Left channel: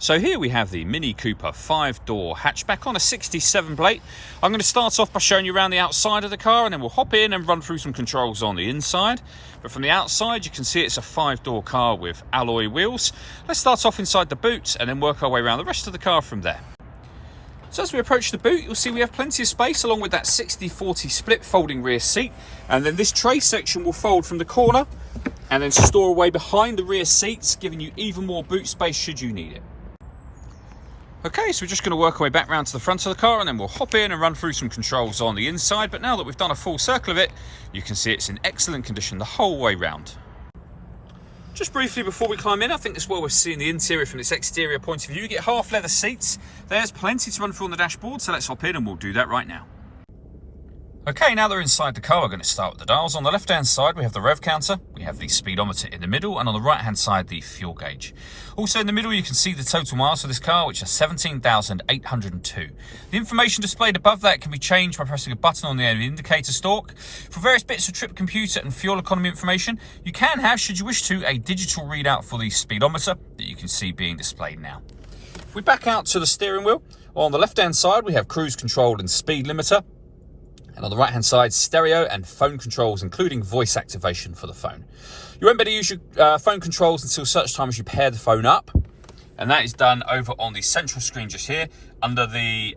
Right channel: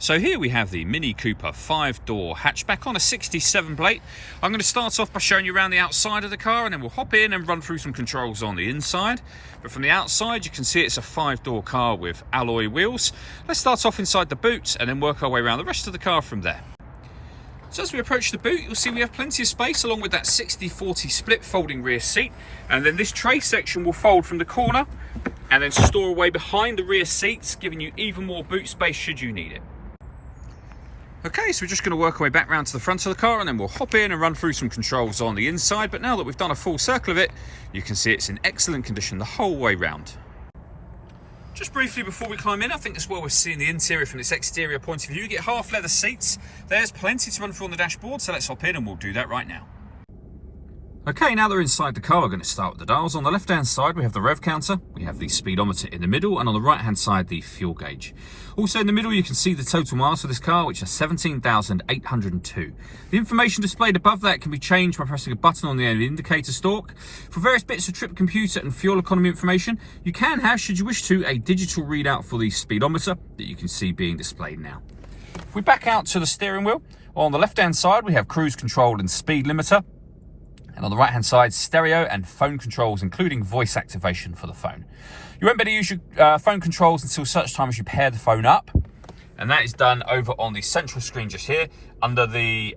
So here we have the Mini Cooper 5-door hatchback on a 67 plate. I'm going to start off by showing you around the outside of the car, and then we'll hop in and run through some controls on the inside. But from the outside you can see it's a 5-door car with alloy wheels. Let's start off inside the boot and then work our way around the rest of the car from there. So as we approach the boot, you'll see we have plenty of space along with that 60-40 split folding rear seat. And then this tray section will fold from the corner and then store away behind the rear seats, giving you even more boot space should you need it. Okay, so we're just going to work our way back round to the front of the car and then we'll hop in and run through some controls on the inside. But now that we've done a full circle of it, you can see it's in excellent condition the whole way round. Just briefly before we climb in, I think as well we're seeing the interior from this exterior point of view. You get half leather seats. There's plenty to run through on the dashboard, so let's hop in and we'll do that right now. Okay, now they're inside the car, we're going to start with the dials. On the left-hand side, we have the rev counter, we have the speedometer in the middle, and on the right-hand side, the fuel gauge. Also in the middle, you can see the total miles for this car, which are 17,802. The information displayed above that can be changed by pressing a button on the end of the indicator stalk. For various bits of trip computer and fuel economy information, you can have, should you wish to, a digital readout for the speedometer that you can see being displayed now. If we back out to the steering wheel, on the left-hand side, we have cruise control and speed limiter. And on the right-hand side, stereo and phone controls, including voice activation for the phone. You won't be able to use your phone controls until such time as you pair the phone up. And that is done over on the central screen just here, under the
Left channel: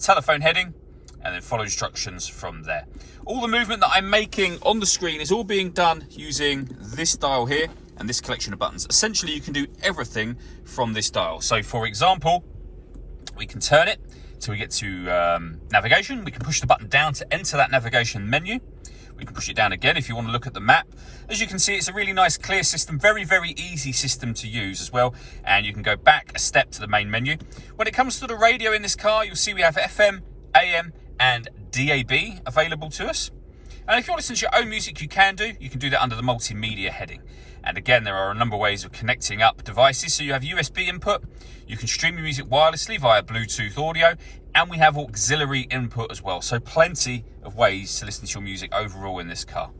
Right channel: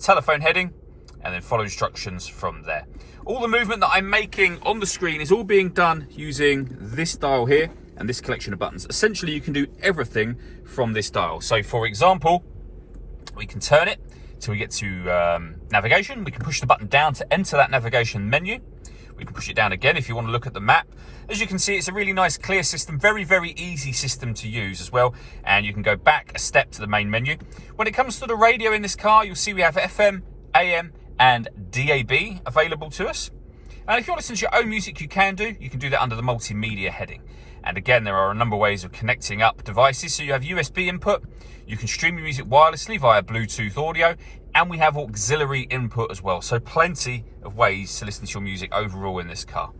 telephone heading, and then follow instructions from there. All the movement that I'm making on the screen is all being done using this dial here and this collection of buttons. Essentially, you can do everything from this dial. So, for example, we can turn it till we get to navigation. We can push the button down to enter that navigation menu. We can push it down again if you want to look at the map. As you can see, it's a really nice, clear system, very, very easy system to use as well. And you can go back a step to the main menu. When it comes to the radio in this car, you'll see we have FM, AM, and DAB available to us. And if you want to listen to your own music, you can do that under the multimedia heading. And again, there are a number of ways of connecting up devices. So you have USB input, you can stream your music wirelessly via Bluetooth audio, and we have auxiliary input as well. So plenty of ways to listen to your music overall in this car.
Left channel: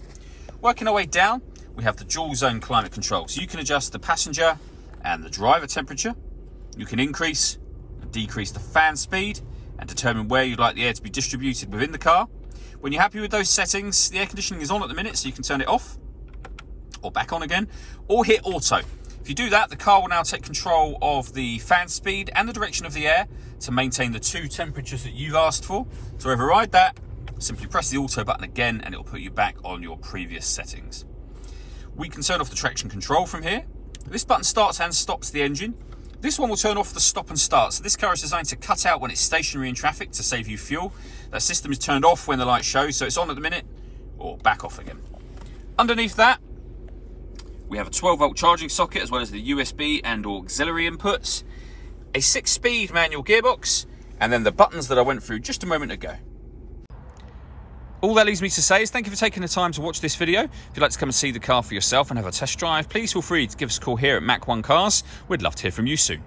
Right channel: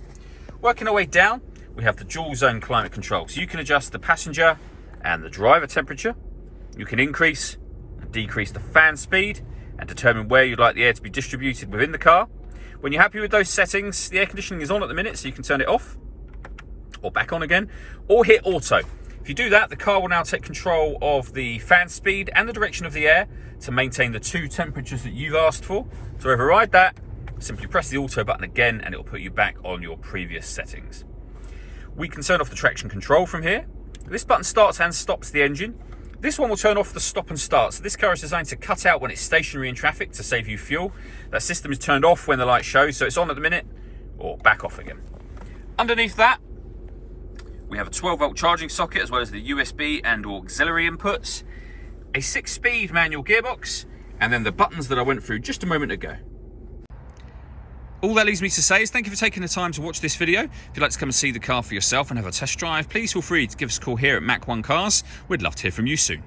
Working our way down, we have the dual zone climate control. So you can adjust the passenger and the driver temperature. You can increase and decrease the fan speed and determine where you'd like the air to be distributed within the car. When you're happy with those settings, the air conditioning is on at the minute, so you can turn it off or back on again, or hit auto. If you do that, the car will now take control of the fan speed and the direction of the air to maintain the two temperatures that you've asked for. To override that, simply press the auto button again and it will put you back on your previous settings. We can turn off the traction control from here. This button starts and stops the engine. This one will turn off the stop and start. So this car is designed to cut out when it's stationary in traffic to save you fuel. That system is turned off when the light shows, so it's on at the minute, or back off again. Underneath that, we have a 12-volt charging socket as well as the USB and auxiliary inputs, a 6-speed manual gearbox, and then the buttons that I went through just a moment ago. All that leaves me to say is thank you for taking the time to watch this video. If you'd like to come and see the car for yourself and have a test drive, please feel free to give us a call here at Mach 1 Cars. We'd love to hear from you soon.